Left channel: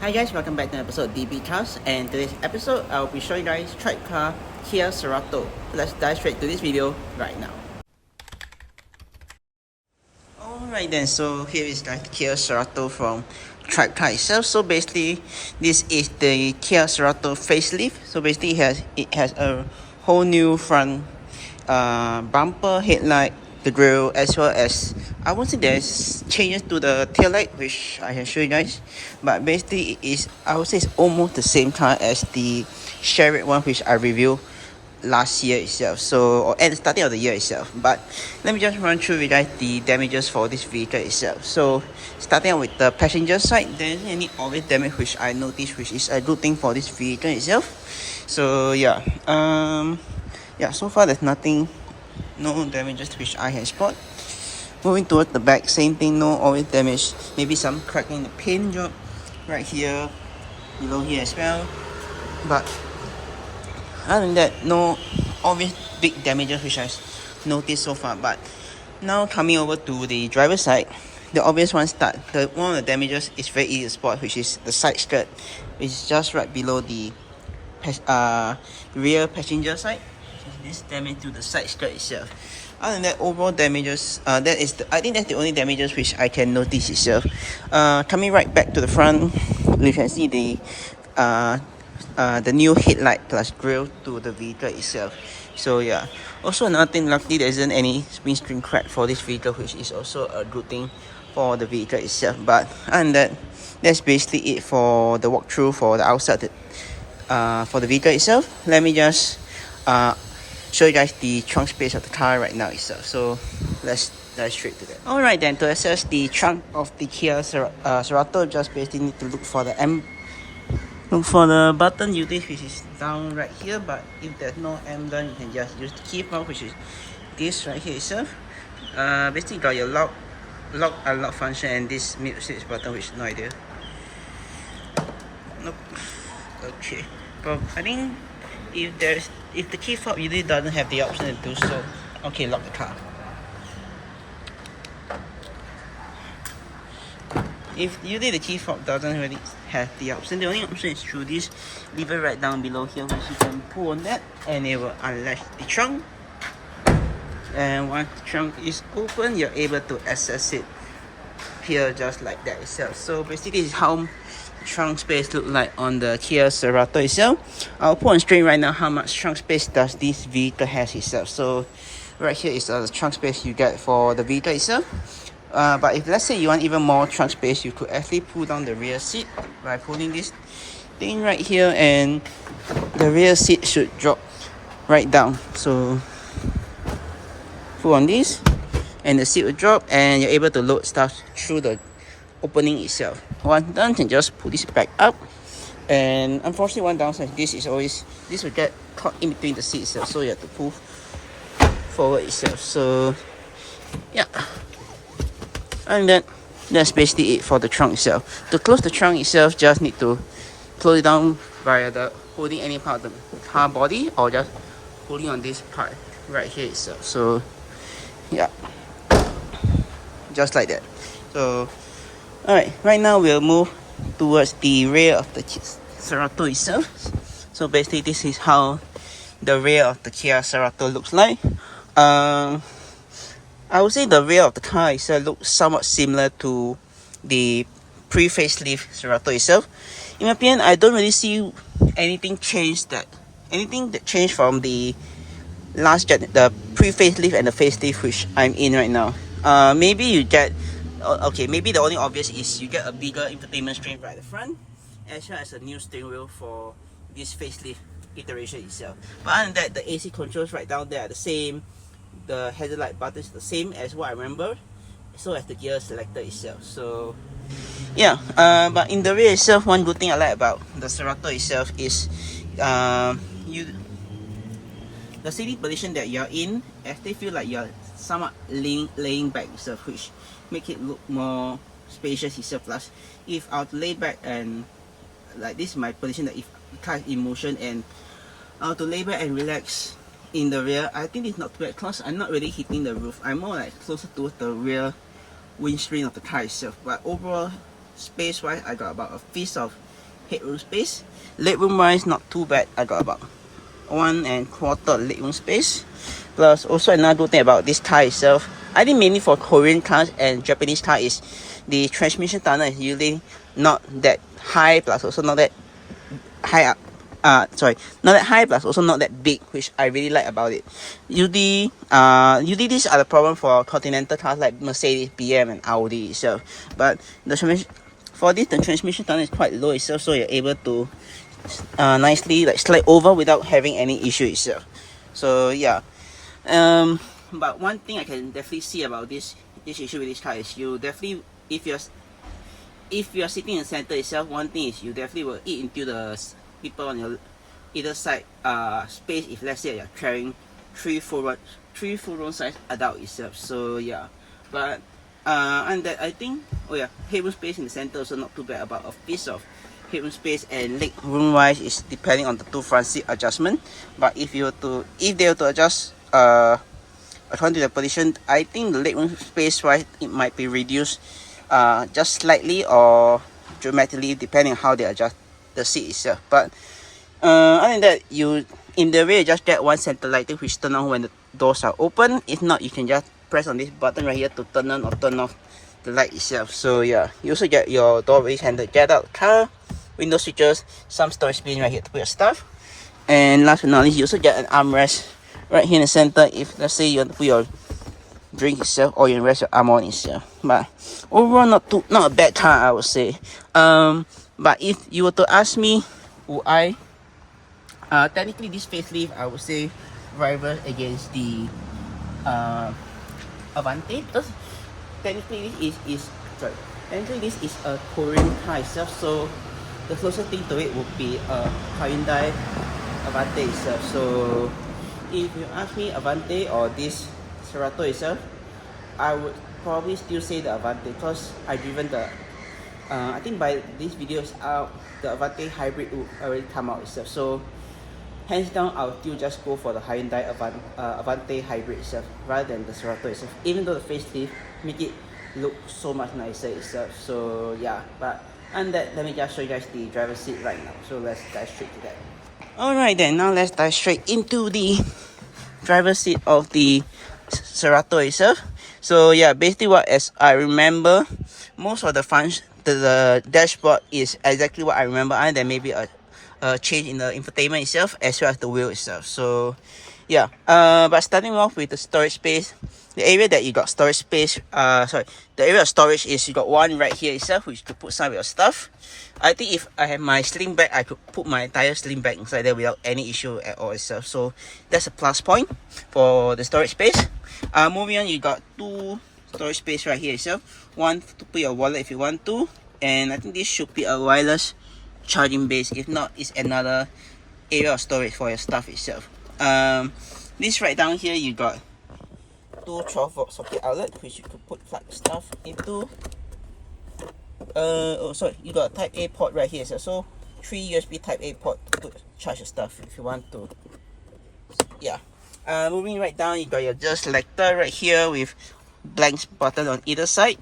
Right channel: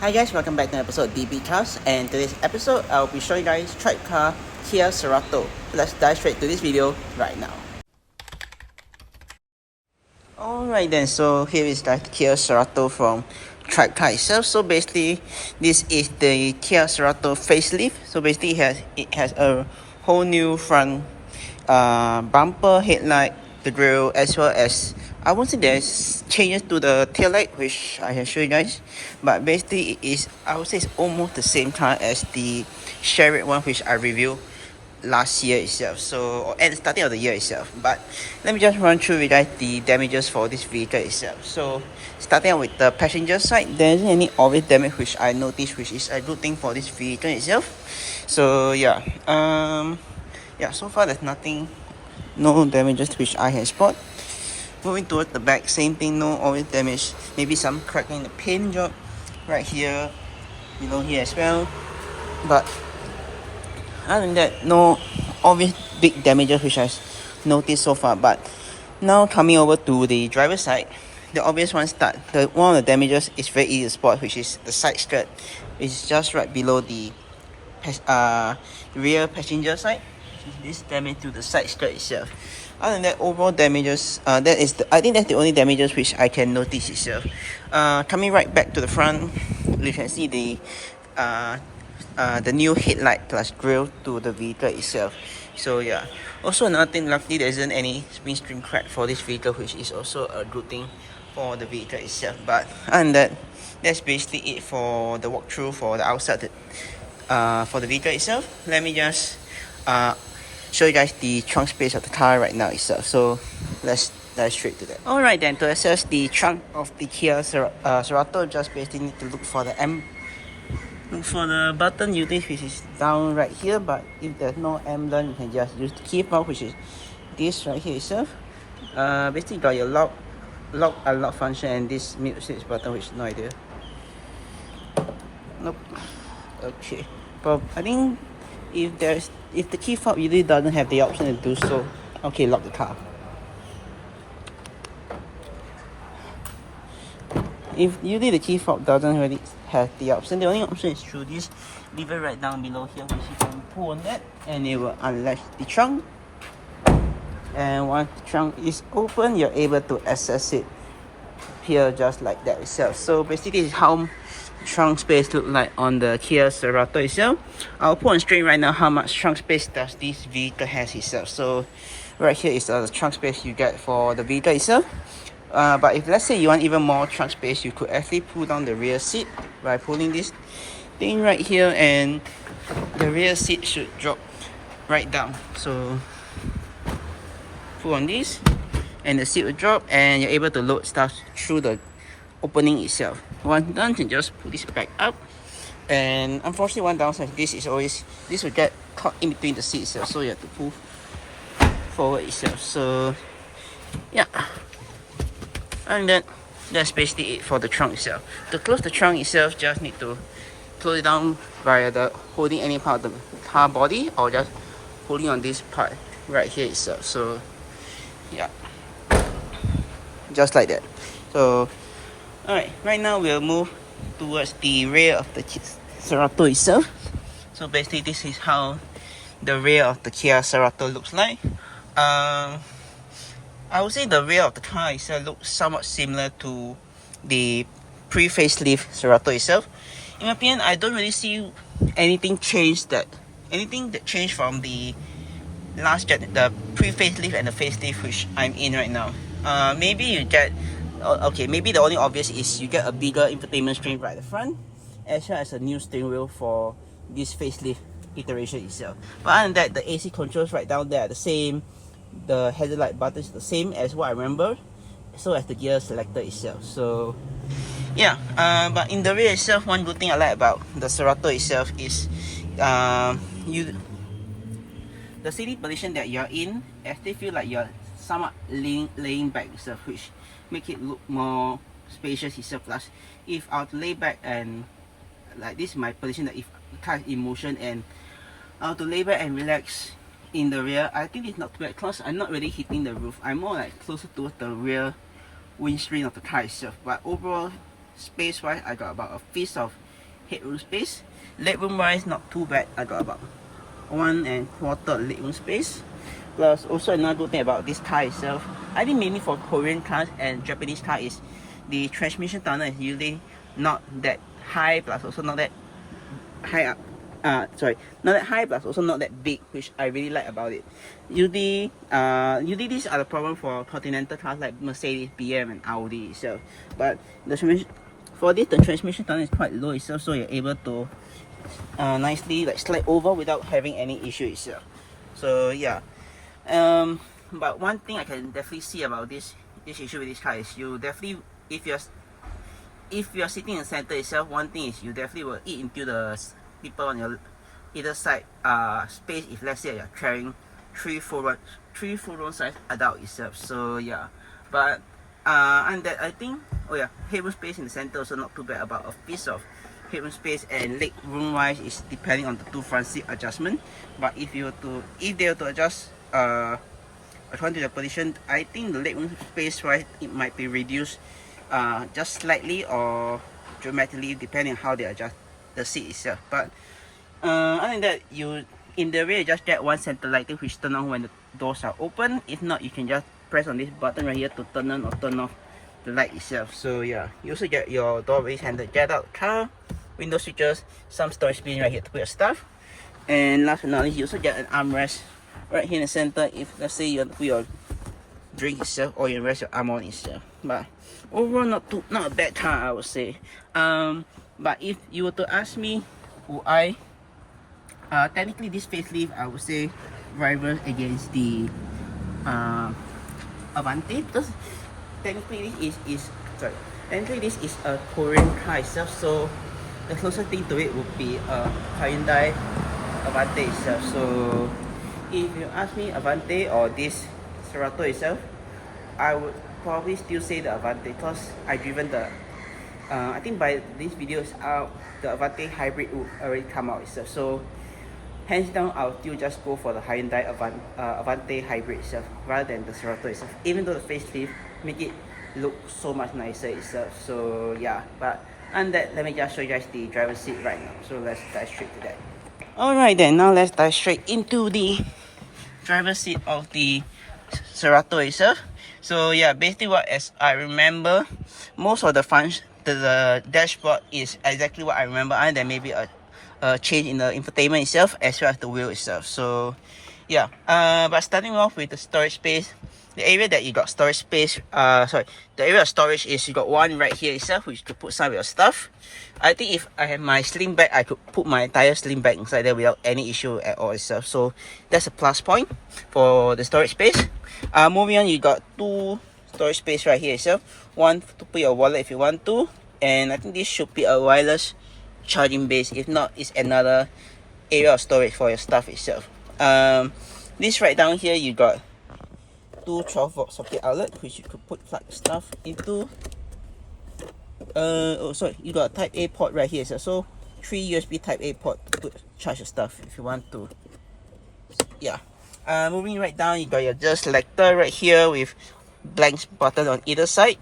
Hi guys, welcome back to an episode of DB Cars, and today's episode I'll be showing you guys TribeCar Kia Cerato. Let's dive straight to this video right now. Alright then, so here is the Kia Cerato from TribeCar itself. So basically, this is the Kia Cerato facelift. So basically, it has a whole new front bumper, headlight, the grille, as well as I won't say there's changes to the tail light, which I can show you guys. But basically, it is, I would say it's almost the same car as the Chevrolet one, which I reviewed last year itself, so or at the starting of the year itself. But let me just run through with guys the damages for this vehicle itself. So starting out with the passenger side, there isn't any obvious damage which I noticed, which is a good thing for this vehicle itself. So yeah, so far there's no damages which I can spot. Moving towards the back, same thing, no obvious damage, maybe some crack on the paint job right here, below here as well, but other than that, no obvious big damages which I noticed so far. But now coming over to the driver's side, the obvious one one of the damages is very easy to spot, which is the side skirt. It's just right below the rear passenger side. This damage to the side skirt itself. Other than that, overall damages, I think that's the only damages which I can notice itself. Coming right back to the front, we can see the new headlight plus grille to the vehicle itself. So yeah, also another thing, luckily there isn't any windscreen crack for this vehicle, which is also a good thing for the vehicle itself. But other than that, that's basically it for the walkthrough for the outside for the vehicle itself. Let me just show you guys the trunk space of the car right now itself. So let's dive straight to that. Alright then, to access the trunk of the Kia Cerato, just basically need to look for the button usage, which is down right here. But if there's no emblem, you can just use the key fob, which is this right here itself. Basically got your lock unlock function and this mute switch button, which no idea. Nope. Okay, but I think if the key fob usually doesn't have the option to do so. Okay, lock the car. If usually the key fob doesn't really have the option, the only option is through this lever right down below here, which you can pull on that and it will unlatch the trunk. And once the trunk is open, you're able to access it here just like that itself. So basically, this is how the trunk space look like on the Kia Cerato itself. I'll put on screen right now how much trunk space does this vehicle has itself. So right here is the trunk space you get for the vehicle itself. But if let's say you want even more trunk space, you could actually pull down the rear seat by pulling this thing right here, and the rear seat should drop right down. So pull on this and the seat will drop, and you're able to load stuff through the opening itself. Once done, you can just pull this back up. And unfortunately, one downside of this is always this will get caught in between the seats itself, so you have to pull forward itself. So yeah, and then that's basically it for the trunk itself. To close the trunk itself, just need to close it down via the holding any part of the car body, or just pulling on this part right here itself. So yeah, just like that. So alright, right now we'll move towards the rear of the Cerato itself. So basically, this is how the rear of the Kia Cerato looks like. I would say the rear of the car itself looks somewhat similar to the pre-facelift Cerato itself. In my opinion, I don't really see anything that changed from the last gen, the pre-facelift and the facelift which I'm in right now. Maybe you get maybe the only obvious is you get a bigger infotainment screen right at the front, as well as a new steering wheel for this facelift iteration itself. But other than that, the AC controls right down there are the same. The headlight button is the same as what I remember, so as the gear selector itself. So yeah, but in the rear itself, one good thing I like about the Cerato itself is the sitting position that you're in, actually feel like you're somewhat laying back itself, which make it look more spacious itself. Plus, if I were to lay back and like this is my position, that if the car is in motion and I were to lay back and relax in the rear, I think it's not too bad because I'm not really hitting the roof. I'm more like closer towards the rear windscreen of the car itself. But overall, space wise, I got about a fist of headroom space. Legroom wise, not too bad. I got about 1 1/4 legroom space. Plus, also another good thing about this car itself, I think mainly for Korean cars and Japanese cars, is the transmission tunnel is usually not that high, plus also not that high up. Not that high, plus also not that big, which I really like about it. Usually these are the problem for continental cars like Mercedes, BM, and Audi itself. But the transmission tunnel is quite low itself, so you're able to nicely like slide over without having any issue itself. So yeah, but one thing I can definitely see about this issue with this car is you definitely, if you're sitting in the center itself, one thing is you definitely will eat into the people on your either side space if let's say you're carrying three full room size adult itself. So yeah, but and that I think, oh yeah, headroom space in the center also not too bad. About a piece of headroom space and leg room wise is depending on the two front seat adjustment. But if they were to adjust according to the position, I think the leg room space wise it might be reduced just slightly or dramatically depending on how they adjust the seat itself. But other than that, you in the rear just get one center lighting which turn on when the doors are open. If not, you can just press on this button right here to turn on or turn off the light itself. So yeah, you also get your door raise handle, get out car, window switches, some storage bin right here to put your stuff, and last but not least, you also get an armrest right here in the center if let's say you want to put your drink itself or you rest your arm on itself. But overall, not a bad car, I would say. But if you were to ask me, would I technically this facelift, I would say rival against the Avante, because technically this is a Korean car itself, so the closest thing to it would be a Hyundai Avante itself. So if you ask me Avante or this Cerato itself, I would probably still say the Avante, because I driven the I think by this video is out, the Avante hybrid will already come out itself. So hands down, I'll still just go for the Hyundai Avante hybrid itself rather than the Cerato itself, even though the facelift make it look so much nicer itself. So yeah, but and that, let me just show you guys the driver's seat right now. So let's dive straight to that. Alright then, now let's dive straight into the driver's seat of the Cerato itself. So yeah, basically what as I remember, most of the functions, the dashboard is exactly what I remember, and then maybe a change in the infotainment itself as well as the wheel itself. So yeah, but starting off with the storage space, the area that you got storage space, the area of storage is you got one right here itself which you could put some of your stuff. I think if I have my sling bag, I could put my entire sling bag inside there without any issue at all itself. So that's a plus point for the storage space. Moving on, you got two storage space right here itself. One to put your wallet if you want to, and I think this should be a wireless charging base. If not, it's another area of storage for your stuff itself. This right down here, you got two 12-volt socket outlet which you could put plug stuff into. You got a Type A port right here, so 3 USB Type A port to put charge your stuff if you want to. Yeah. Moving right down, you got your adjust selector right here with blank button on either side.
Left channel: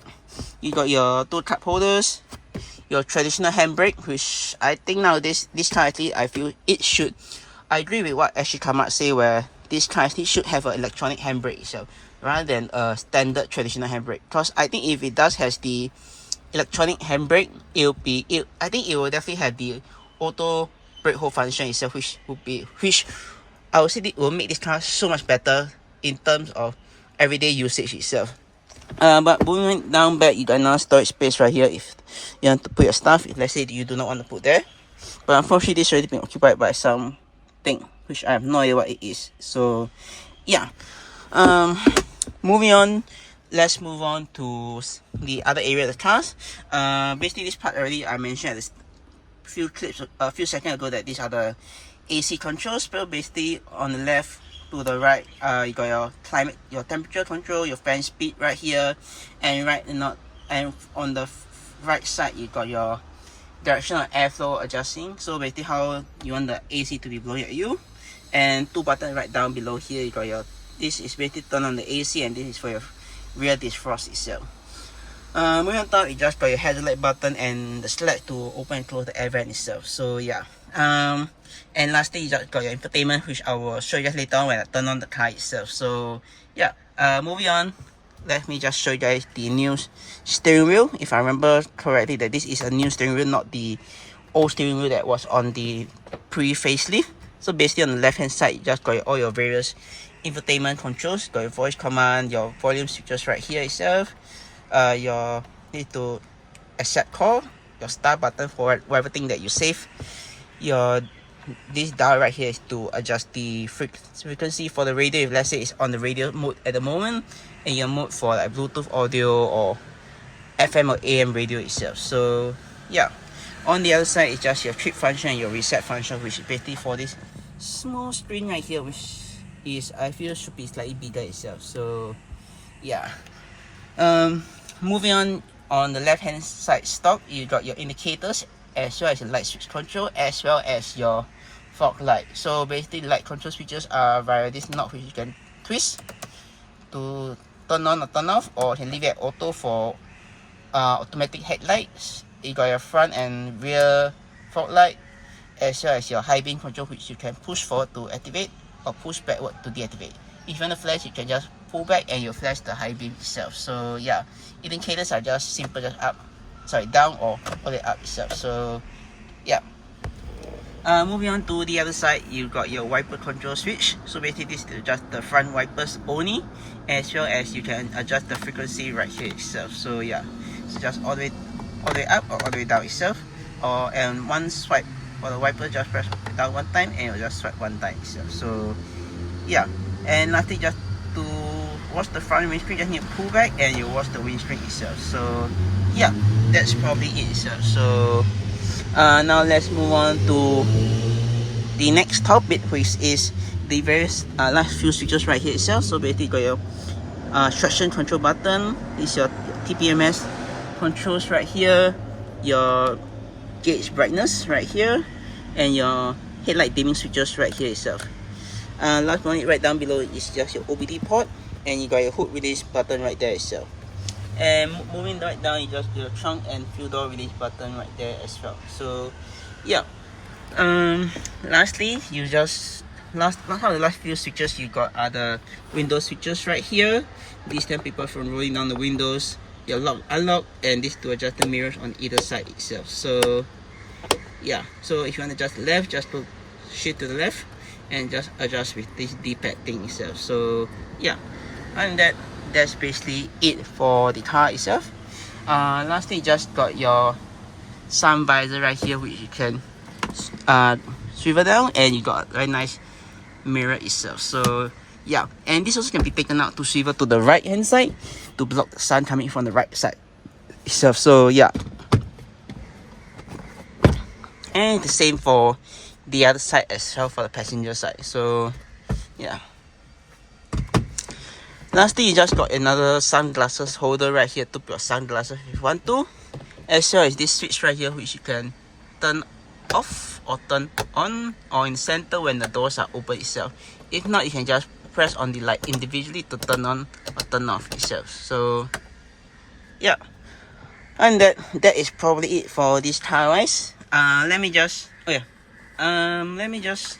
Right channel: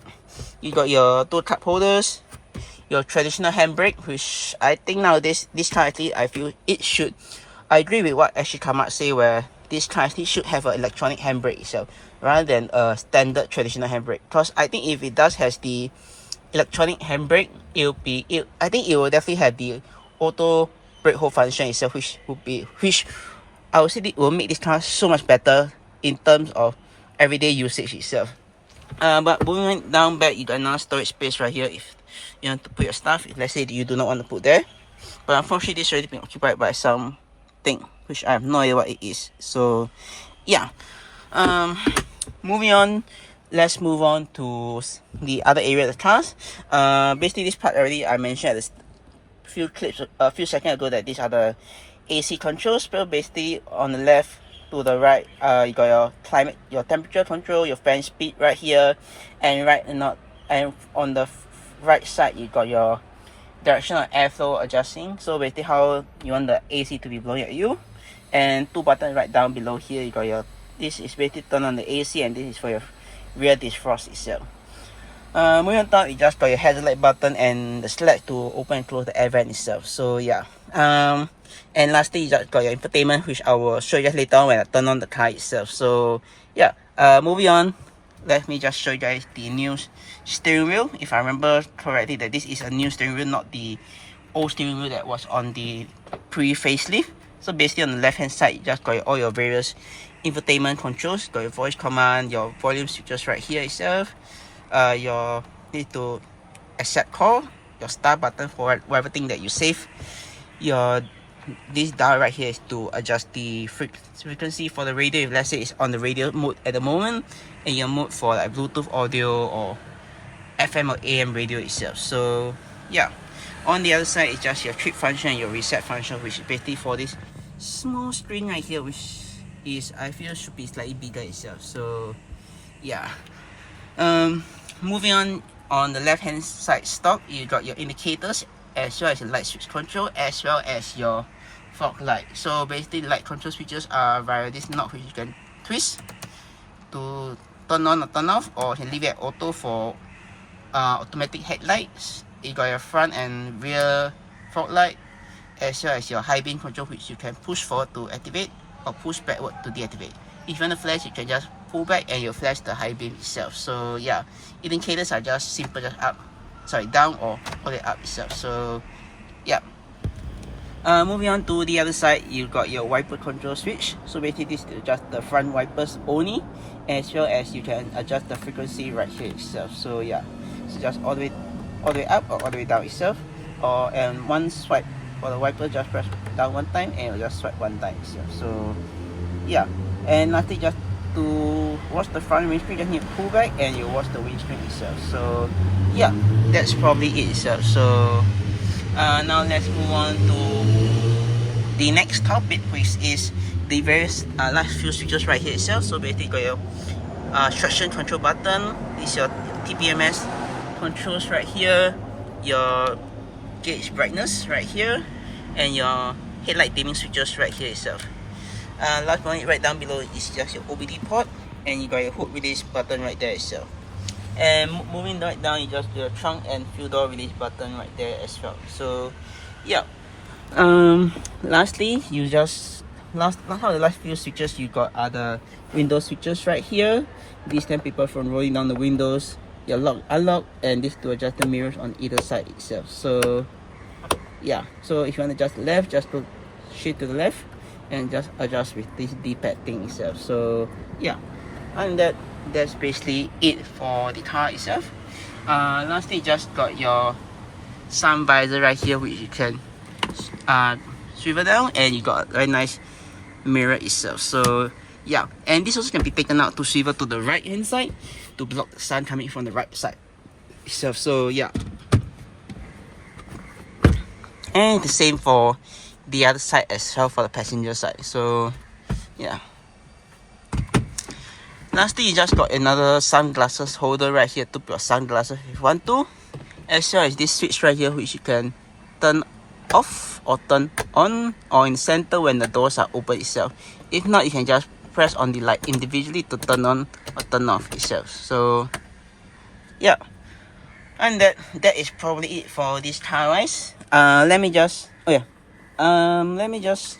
You got your two cup holders, your traditional handbrake, which I think nowadays this car actually I feel it should. I agree with what actually Kamat say, where this car actually should have an electronic handbrake itself rather than a standard traditional handbrake. Because I think if it does has the electronic handbrake, I think it will definitely have the auto brake hold function itself, which I would say it will make this car so much better in terms of everyday usage itself. But moving down back, you got another storage space right here if you want to put your stuff, if let's say you do not want to put there. But unfortunately, this already been occupied by something which I have no idea what it is. So yeah, moving on, let's move on to the other area of the cars. Basically this part already I mentioned at a few seconds ago that these are the AC controls. But basically on the left to the right, you got your climate, your temperature control, your fan speed right here, and on the right side you got your directional airflow adjusting. So basically how you want the AC to be blowing at you, and two buttons right down below here. You got your, this is basically turn on the AC, and this is for your rear defrost itself. Moving on top, you just got your headlight button and the select to open and close the air vent itself. So yeah. And lastly, you just got your infotainment, which I will show you guys later on when I turn on the car itself. So yeah. Moving on, let me just show you guys the new steering wheel. If I remember correctly, that this is a new steering wheel, not the old steering wheel that was on the pre-facelift. So basically on the left hand side, you just got all your various infotainment controls. Got your voice command, your volume switches right here itself. Your need to accept call, your start button for whatever thing that you save. This dial right here is to adjust the frequency for the radio, if let's say it's on the radio mode at the moment, and your mode for like Bluetooth audio or FM or AM radio itself. So yeah, on the other side is just your trip function and your reset function, which is basically for this small screen right here, which is, I feel, should be slightly bigger itself. So yeah. Moving on the left hand side stock, you got your indicators as well as your light switch control, as well as your fog light. So basically, light control switches are via this knob, which you can twist to turn on or turn off, or you can leave it at auto for automatic headlights. You got your front and rear fog light, as well as your high beam control, which you can push forward to activate or push backward to deactivate. If you want to flash, you can just pull back and you flash the high beam itself. So yeah, indicators are just simple, just down or all the way up itself. So yeah. Moving on to the other side, you got your wiper control switch. So basically this is just the front wipers only, as well as you can adjust the frequency right here itself. So yeah, it's just all the way up or all the way down itself. And one swipe for the wiper, just press down one time and it'll just swipe one time itself. So yeah. And lastly, just to watch the front windscreen, just need to pull back and you watch the windscreen itself. So yeah, that's probably it itself. So now let's move on to the next topic, which is the various last few switches right here itself. So basically, you got your traction control button. This is your TPMS controls right here, your gauge brightness right here, and your headlight dimming switches right here itself. Last one right down below is just your OBD port, and you got your hood release button right there itself. And moving right down, you just your trunk and fuel door release button right there as well. So yeah. Lastly, you just last of the last few switches you got are the window switches right here. These stop people from rolling down the windows, your lock, unlock, and this to adjust the mirrors on either side itself. So yeah, so if you want to adjust the left, just put shift to the left and just adjust with this D-pad thing itself. So yeah, and that's basically it for the car itself. Lastly, just got your sun visor right here, which you can swivel down, and you got a very nice mirror itself. So yeah, and this also can be taken out to swivel to the right hand side to block the sun coming from the right side itself. So yeah, and the same for the other side as well, for the passenger side. So yeah. Lastly, you just got another sunglasses holder right here to put your sunglasses if you want to, as well as this switch right here, which you can turn off or turn on, or in the center when the doors are open itself. If not, you can just press on the light individually to turn on or turn off itself. So yeah, and that is probably it for this car wise. Let me just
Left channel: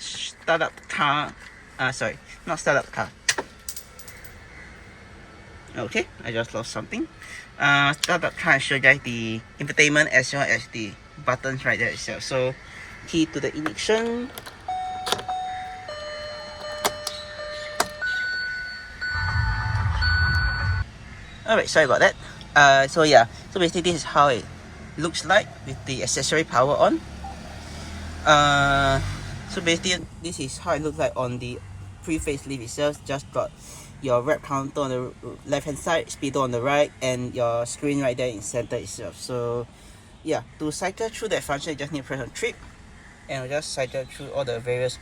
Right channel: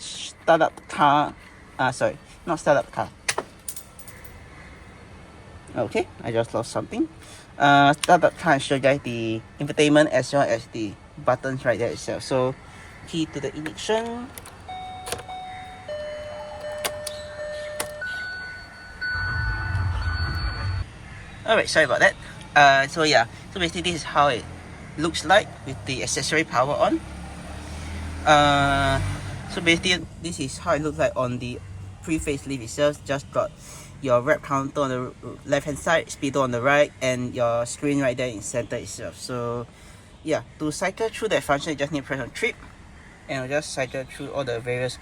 start up the car. Sorry, not start up the car. Okay, I just lost something. Start up the car and show you guys the infotainment as well as the buttons right there itself. So key to the ignition. Alright, sorry about that. So yeah, so basically this is how it looks like with the accessory power on. So basically this is how it looks like on the pre-facelift itself. Just got your rev counter on the left hand side, speedo on the right, and your screen right there in center itself. So yeah, to cycle through that function, you just need to press on trip, and it'll just cycle through all the various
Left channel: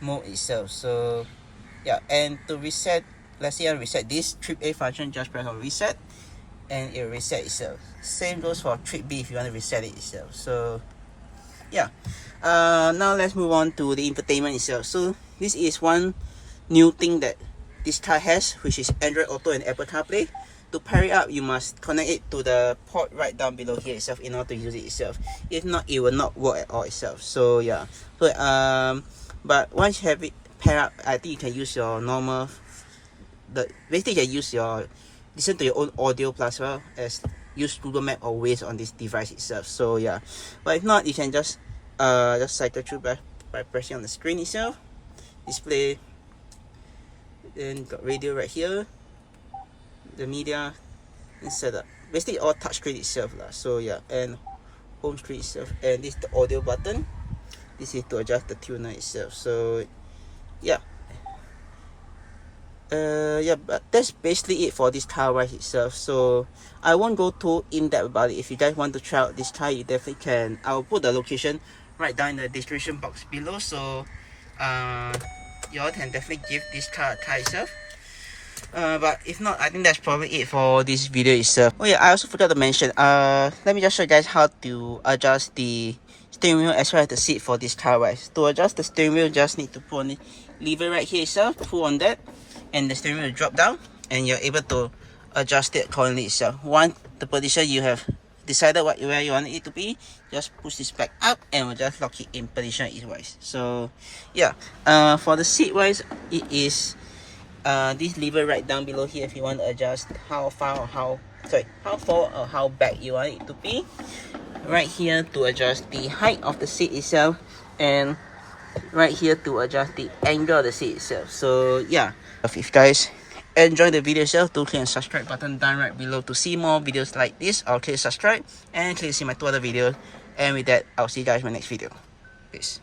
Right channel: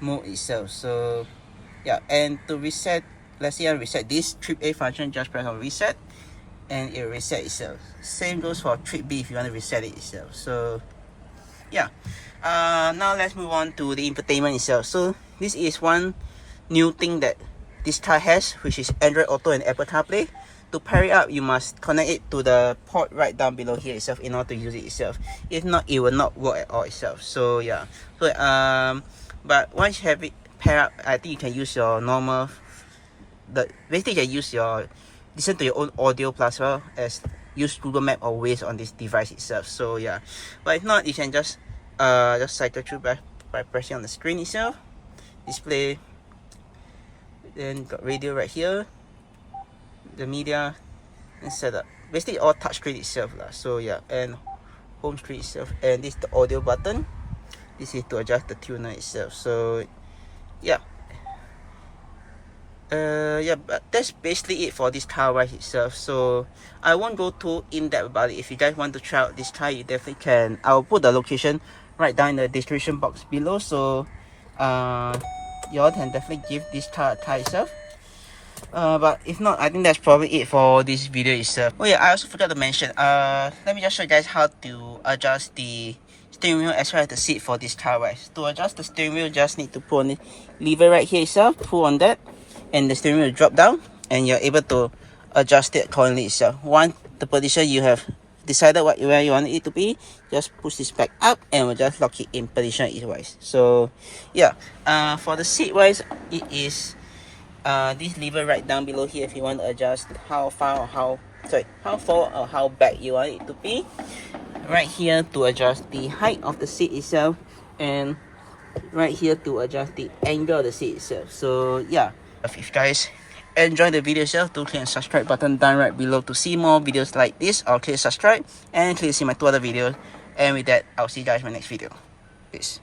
mode itself. So yeah, and to reset, let's say I reset this trip A function, just press on reset and it'll reset itself. Same goes for trip B if you want to reset it itself. So yeah, now let's move on to the infotainment itself. So this is one new thing that this car has, which is Android Auto and Apple CarPlay. To to pair it up, you must connect it to the port right down below here itself in order to use it itself. If not, it will not work at all itself. So yeah, so but once you have it pair up, I think you can use your normal, basically you can use your, listen to your own audio plus well as use Google Map or Whye on this device itself. So yeah, but if not, you can just cycle through by pressing on the screen itself, display, then got radio right here, the media, and setup. Basically all touchscreen itself lah. So yeah, and home screen itself, and this is the audio button. This is to adjust the tuner itself. So yeah, yeah, but that's basically it for this car wise itself. So I won't go too in depth about it. If you guys want to try out this car, you definitely can. I'll put the location right down in the description box below, so y'all can definitely give this car a try itself. But if not, I think that's probably it for this video itself. Oh yeah, I also forgot to mention, let me just show you guys how to adjust the steering wheel as well as the seat for this car wise. To adjust the steering wheel, just need to pull on the lever right here itself, pull on that, and the steering wheel will drop down, and you're able to adjust it accordingly itself. Once the position you have decided where you want it to be, just push this back up and we'll just lock it in position wise. So yeah, for the seat wise, it is this lever right down below here if you want to adjust how far or how forward or how back you want it to be. Right here to adjust the height of the seat itself, and right here to adjust the angle of the seat itself. So yeah, if you guys enjoy the video itself, do click the subscribe button down right below to see more videos like this, or click subscribe and click see my 2 other videos. And with that, I'll see you guys in my next video. Peace.